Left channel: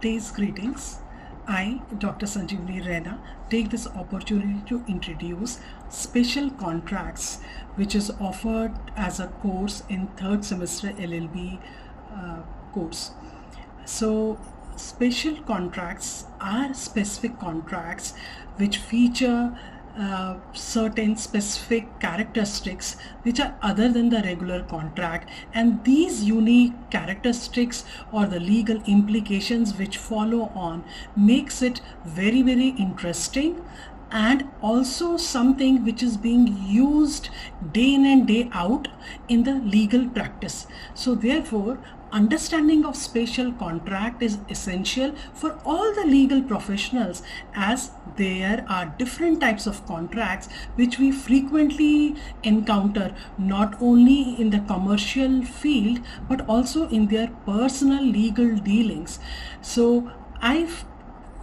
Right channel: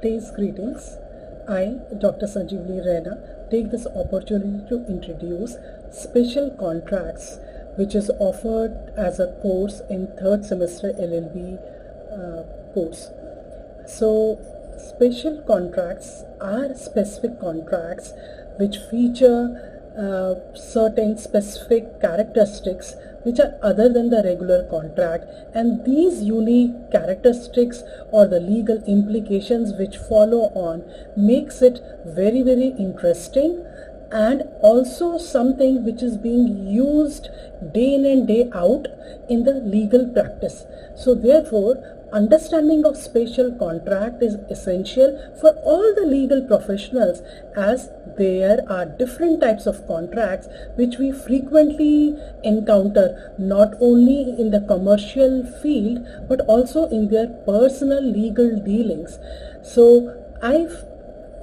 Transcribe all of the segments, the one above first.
Today's greetings. I, Dr. Sanjeevini Raina, take this opportunity to introduce special contracts, which is offered as a course in third semester LLB course. So, special contracts are specific contracts which feature certain specific characteristics which are other than the regular contract, and these unique characteristics or the legal implications which follow on makes it very interesting, and also something which is being used day in and day out in the legal practice. So therefore, understanding of special contract is essential for all the legal professionals, as there are different types of contracts which we frequently encounter not only in the commercial field but also in their personal legal dealings. So I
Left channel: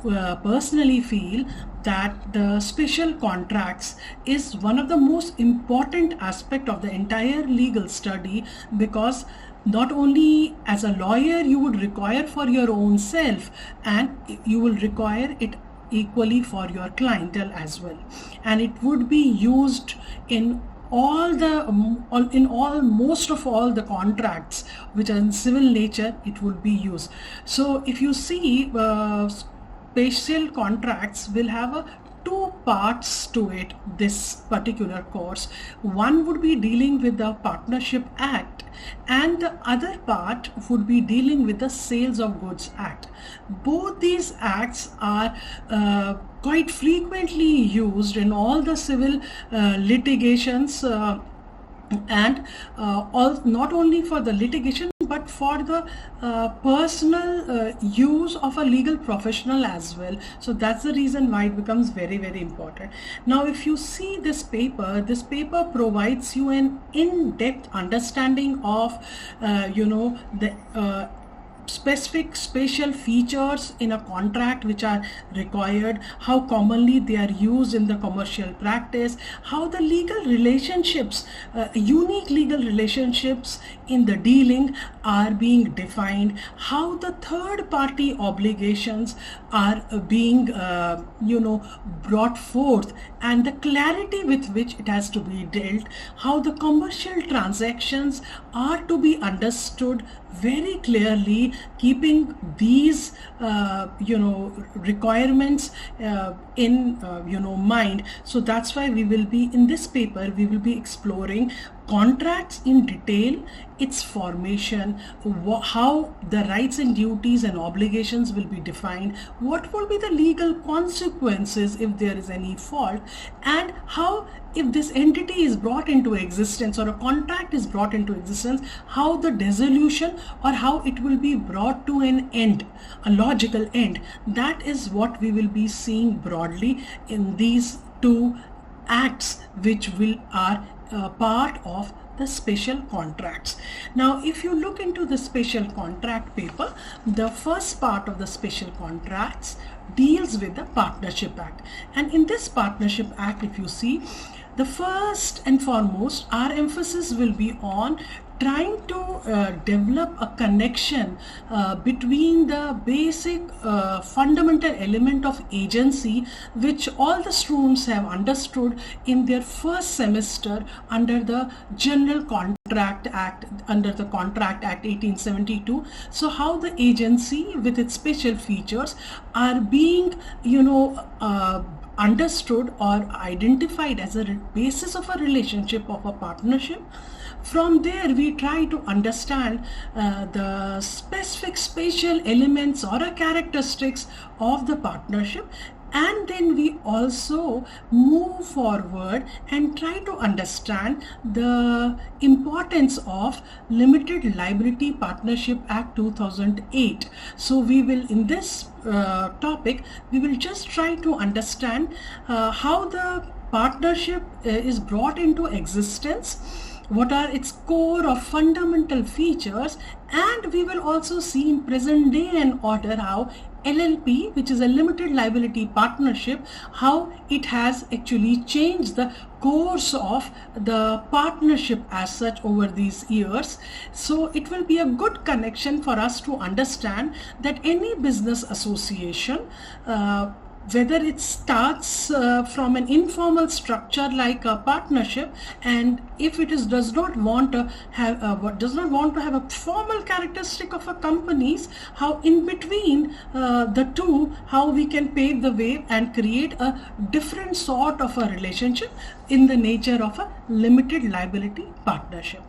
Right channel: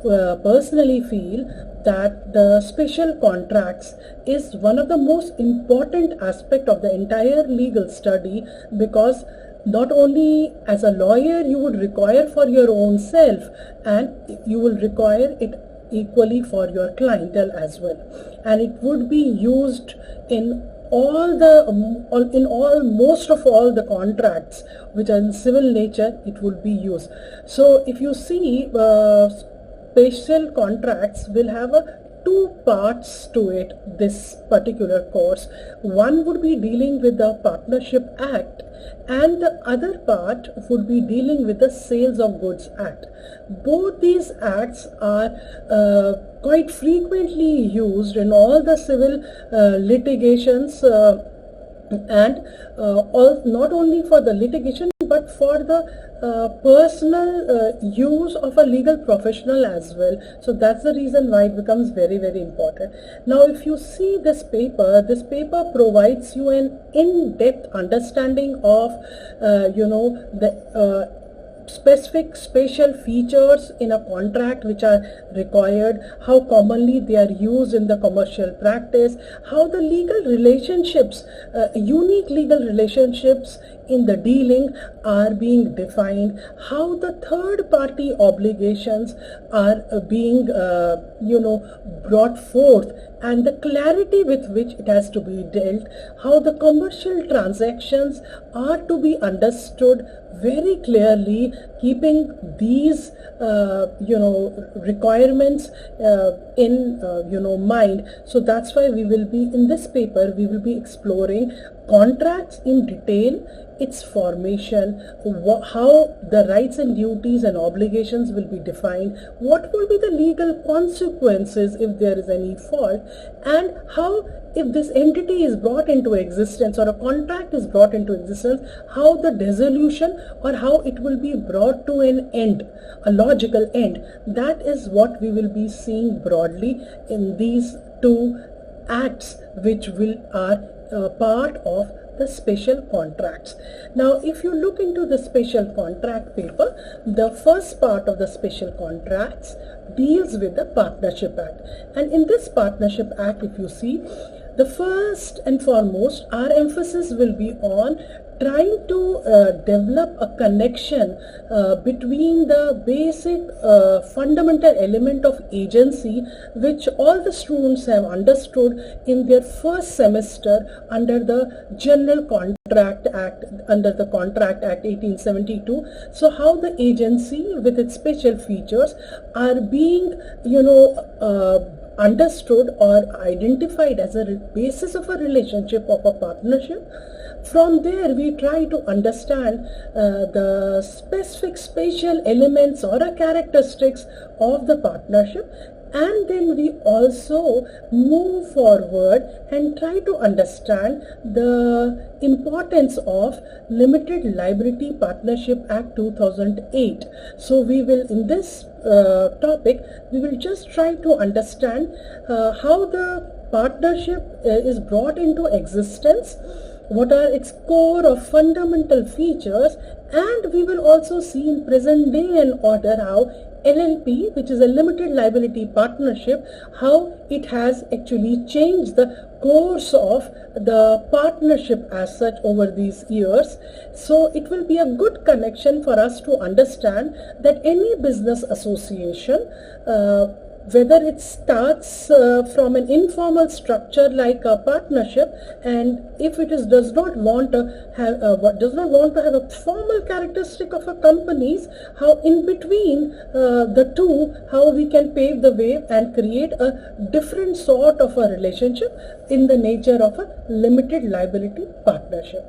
personally feel that the special contracts is one of the most important aspect of the entire legal study, because not only as a lawyer you would require for your own self, and you will require it equally for your clientele as well, and it would be used in most of all the contracts which are in civil nature. It will be used. So if you see, special contracts will have two parts to it, this particular course. One would be dealing with the Partnership Act, and the other part would be dealing with the Sales of Goods Act. Both these acts are quite frequently used in all the civil litigations, and not only for the litigation but for the personal use of a legal professional as well. So that's the reason why it becomes very important. Now if you see this paper provides you an in-depth understanding of the specific spatial features in a contract which are required, how commonly they are used in the commercial practice, how the legal relationships, unique legal relationships in the dealing are being defined, how the third party obligations are being brought forth, and the clarity with which it has to be dealt, how the commercial transactions are to be understood very clearly, keeping these requirements in mind. So that's why we will be in this paper, we will be exploring contracts in detail, its formation, how the rights and duties and obligations will be defined, what will be the legal consequences if there is any fault, and how, if this entity is brought into existence or a contract is brought into existence, how the dissolution or how it will be brought to an end, a logical end. That is what we will be seeing broadly in these two acts which are part of the special contracts. Now if you look into the special contract paper, the first part of the special contracts deals with the Partnership Act, and in this Partnership Act, if you see, the first and foremost, our emphasis will be on trying to develop a connection between the basic fundamental element of agency, which all the students have understood in their first semester under the General Contract Act, under the Contract Act 1872. So how the agency with its special features are being understood or identified as a basis of a relationship of a partnership. From there we try to understand the specific spatial elements or characteristics of the partnership, and then we also move forward and try to understand the importance of Limited Liability Partnership Act 2008. So we will, in this topic, we will just try to understand how the partnership is brought into existence, what are its core or fundamental features, and we will also see in present day and order how LLP, which is a limited liability partnership, how it has actually changed the course of the partnership as such over these years. So it will be a good connection for us to understand that any business association, whether it starts from an informal structure like a partnership, and if it is does not want to have a formal characteristic of a companies, how in between the two, how we can pave the way and create a different sort of a relationship in the nature of a limited liability partnership.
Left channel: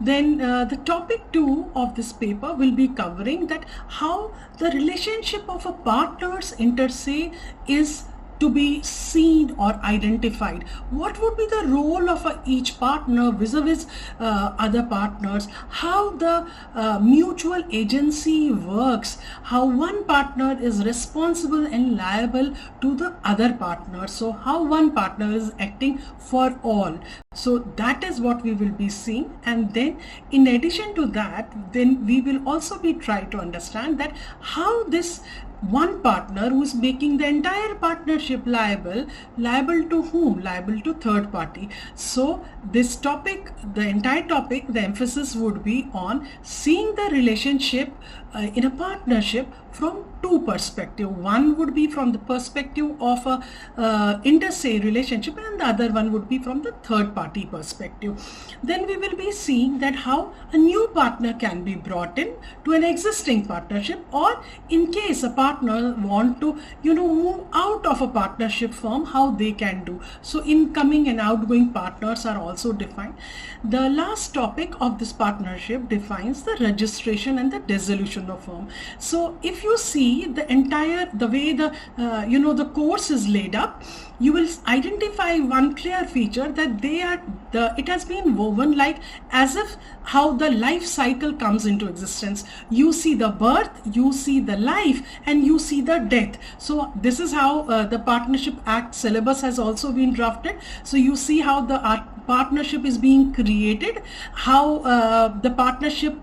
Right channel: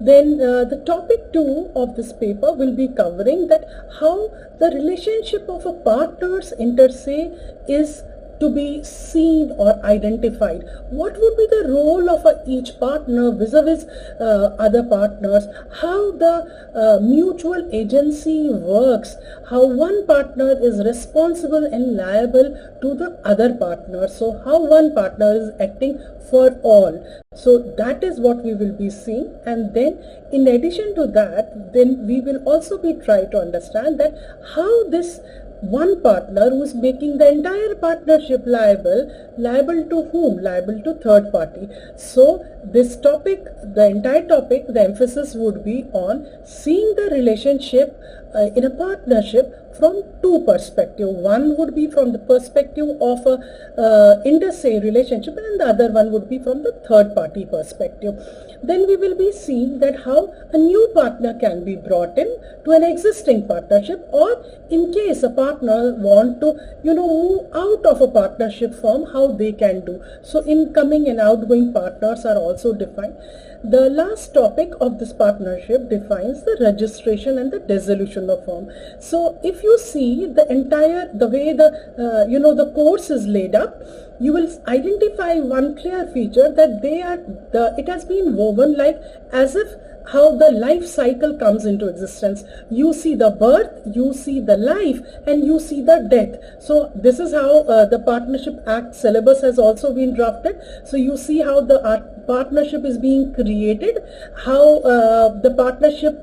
Then the topic 2 of this paper will be covering that how the relationship of a partners inter se is to be seen or identified. What would be the role of each partner vis-a-vis other partners, how the mutual agency works, how one partner is responsible and liable to the other partner, so how one partner is acting for all. So that is what we will be seeing. And then in addition to that, then we will also be trying to understand that how this one partner who is making the entire partnership liable to whom? Liable to third party. So this topic, the entire topic, the emphasis would be on seeing the relationship in a partnership from two perspectives. One would be from the perspective of a inter se relationship, and the other one would be from the third party perspective. Then we will be seeing that how a new partner can be brought in to an existing partnership, or in case a partner want to move out of a partnership firm, how they can do. So incoming and outgoing partners are also defined. The last topic of this partnership defines the registration and the dissolution of firm. So if you see the way the course is laid up, you will identify one clear feature that it has been woven like as if how the life cycle comes into existence. You see the birth, you see the life, and you see the death. So this is how the Partnership Act syllabus has also been drafted. So you see how the partnership is being created, how the partnership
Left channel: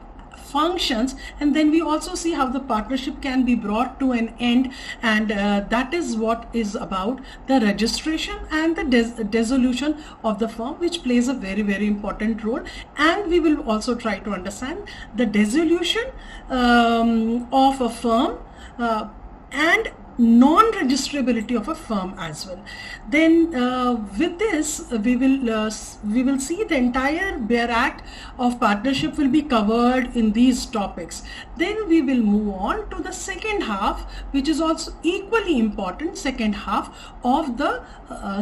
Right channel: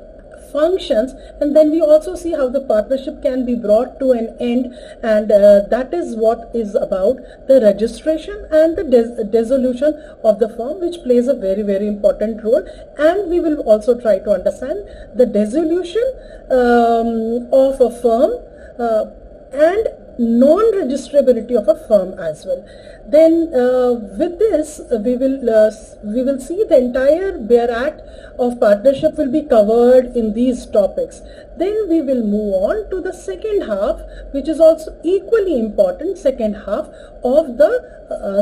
functions, and then we also see how the partnership can be brought to an end, and that is what is about the registration and the dissolution of the firm, which plays a very, very important role. And we will also try to understand the dissolution of a firm and non-registrability of a firm as well. Then with this we will see the entire Bare Act of partnership will be covered in these topics. Then we will move on to the second half, which is also equally important, second half of the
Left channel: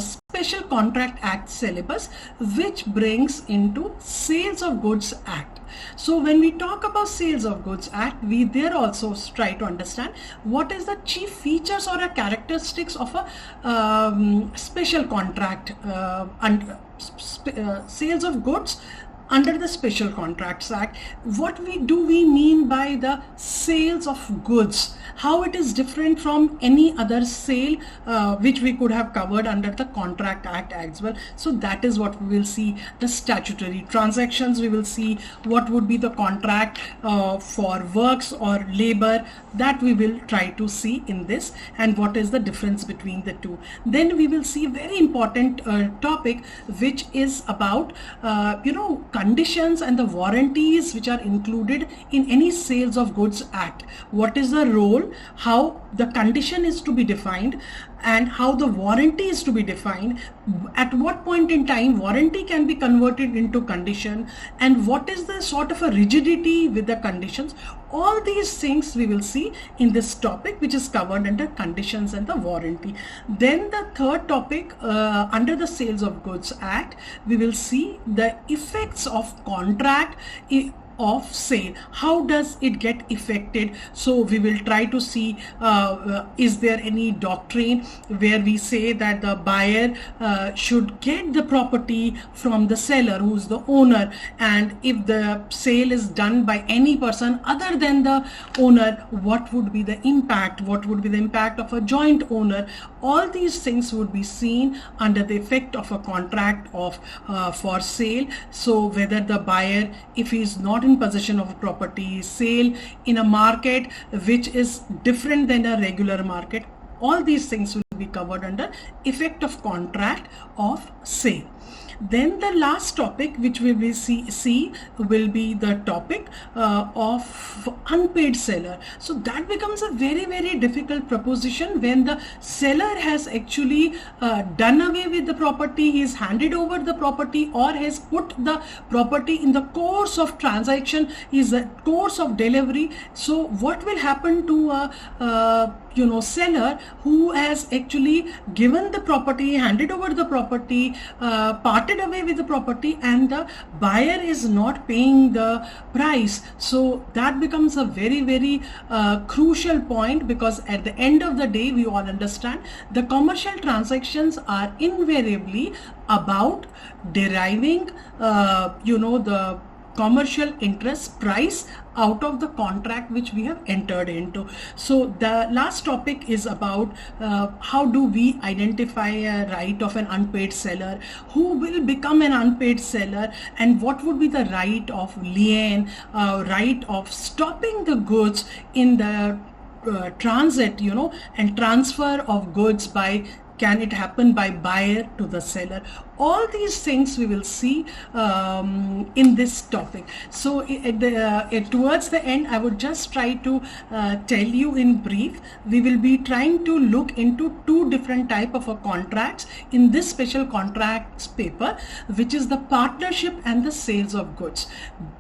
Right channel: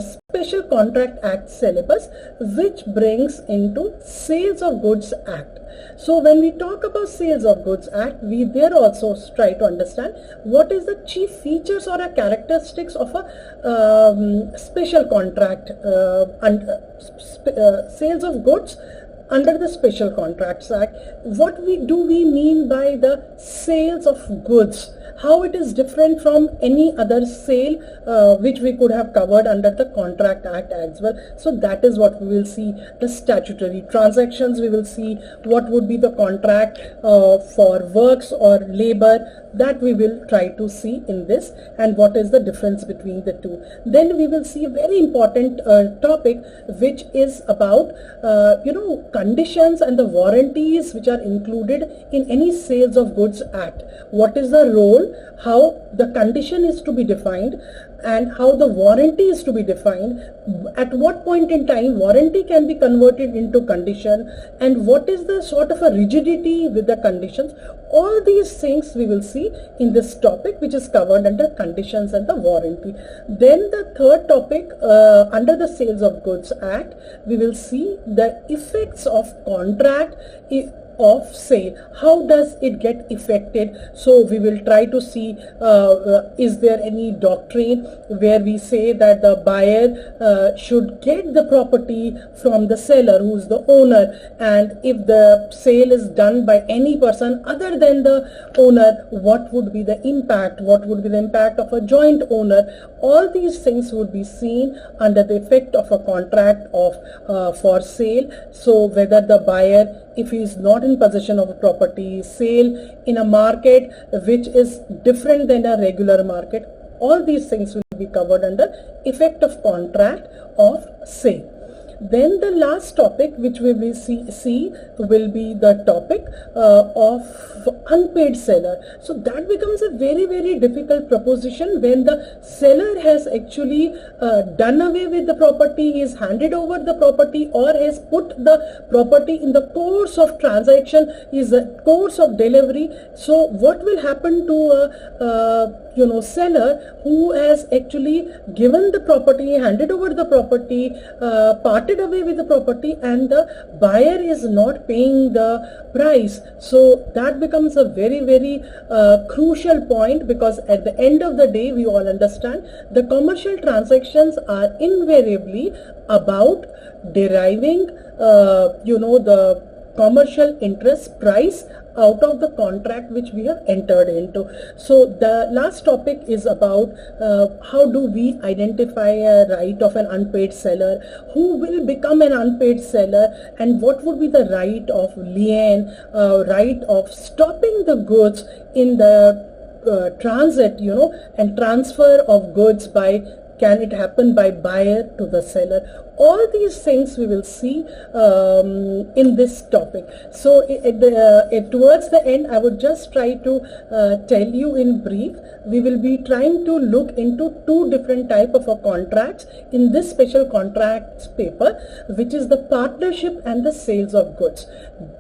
Special Contract Act syllabus, which brings into Sales of Goods Act. So when we talk about Sales of Goods Act, we there also try to understand what is the chief features or characteristics of a special contract and sales of goods under the Special Contracts Act. What do we mean by the sales of goods? How it is different from any other sale which we could have covered under the Contract Act as well. So that is what we will see. The statutory transactions, we will see what would be the contract for works or labor, that we will try to see in this, and what is the difference between the two. Then we will see a very important topic, which is about conditions and the warranties which are included in any Sales of Goods Act. What is the role, how the condition is to be defined, and how the warranty is to be defined, at what point in time warranty can be converted into condition, and what is the sort of a rigidity with the conditions. All these things we will see in this topic, which is covered under conditions and the warranty. Then the third topic under the Sales of Goods Act, we will see the effects of contract of sale. How does it get affected? So we will try to see is there any doctrine where we say that the buyer should get the property from the seller who is the owner, and if the sale is done by any person other than the owner, what would be the impact? What would be the impact of a joint owner? All these things would be seen under the effect of a contract of for sale. So whether the buyer, if he is not in possession of a property, sale in a market which is different than a regular market, all these things will be covered under effect of contract of sale. Then the last topic which we will see will be the topic of unpaid seller. So that becomes a very, very difficult proposition when the seller has actually done away with the property, he has handed over the property, or has put the property in the course of transaction, is a course of delivery. So what will happen to a seller who has actually given the property, handed over the property, parted away with the property, and the buyer is not paying the price? So that becomes a very, very crucial point, because at the end of the day, we all understand the commercial transactions are invariably about deriving the commercial interest price out of the contract which we have entered into. So the last topic is about how do we identify a right of an unpaid seller, who will become an unpaid seller, and what would be the right of lien, right of stopping the goods in the transit, and transfer of goods by, can it happen by buyer to the seller? All these things we will see in this topic. So towards the end, I would just try to tell you in brief, we will be trying to look into two different type of contracts in this special contracts paper, which is the partnership and the sales of goods.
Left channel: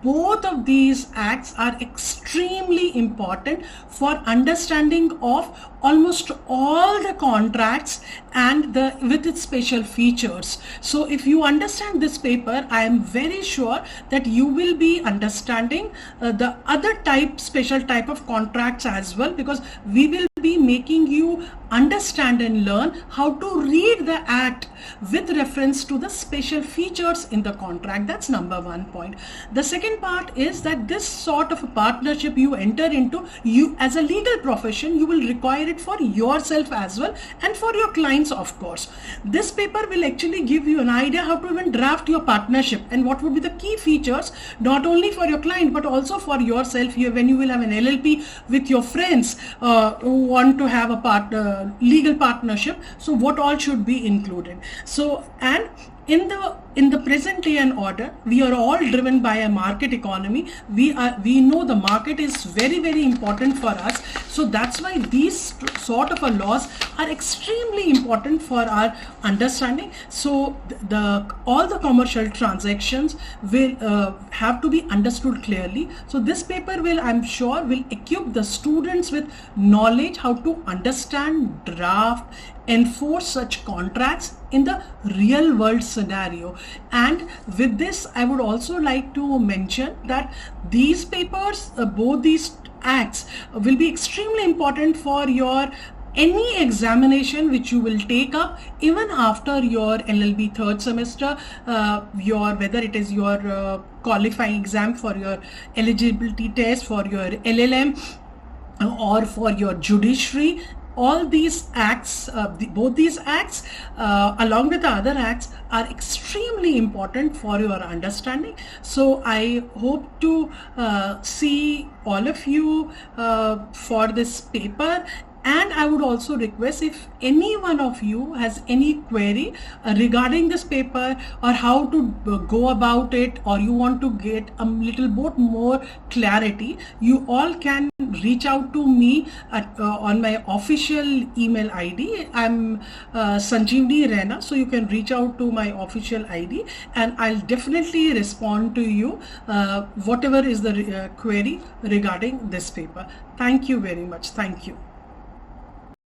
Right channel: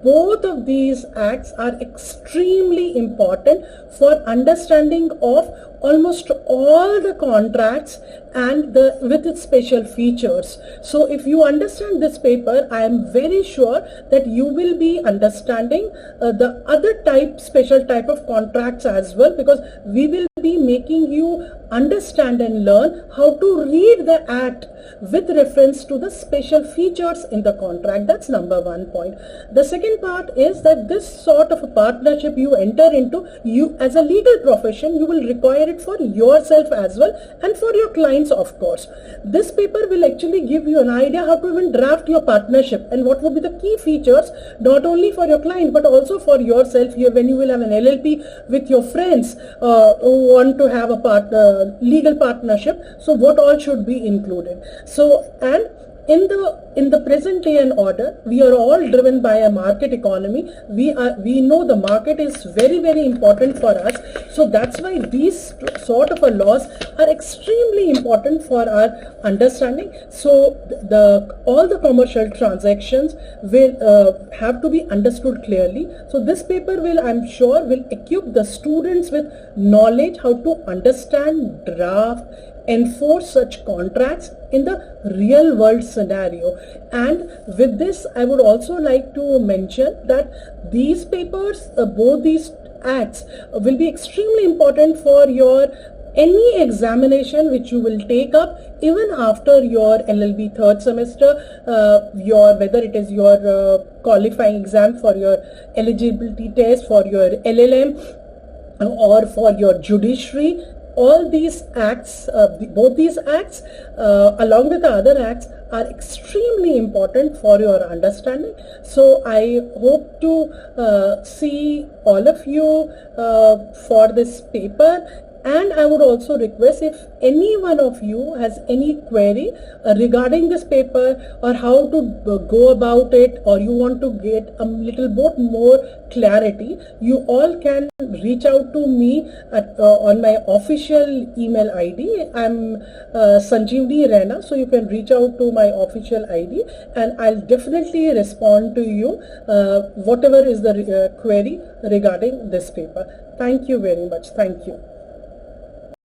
Both of these acts are extremely important for understanding of almost all the contracts and with its special features. So if you understand this paper, I am very sure that you will be understanding the other special type of contracts as well, because we will be making you understand and learn how to read the act with reference to the special features in the contract. That's number one point. The second part is that this sort of a partnership you enter into, you as a legal profession, you will require it for yourself as well and for your clients, of course. This paper will actually give you an idea how to even draft your partnership and what would be the key features, not only for your client but also for yourself here when you will have an LLP with your friends who want to have a legal partnership. So what all should be included? So, and in the present day and order, we are all driven by a market economy. We know the market is very, very important for us. So that's why these sort of laws are extremely important for our understanding. So all the commercial transactions will have to be understood clearly. So this paper will, I'm sure, will equip the students with knowledge how to understand, draft, enforce such contracts in the real world scenario. And with this, I would also like to mention that these papers, both these acts, will be extremely important for your any examination which you will take up even after your LLB third semester, whether it is your qualifying exam for your eligibility test, for your LLM, or for your judiciary. All these acts, both these acts along with the other acts, are extremely important for your understanding. So I hope to see all of you for this paper. And I would also request, if any one of you has any query regarding this paper or how to go about it, or you want to get a little bit more clarity, you all can reach out to me on my official email ID. I'm Sanjeevini Raina, so you can reach out to my official ID and I'll definitely respond to you whatever is the query regarding this paper. Thank you very much. Thank you.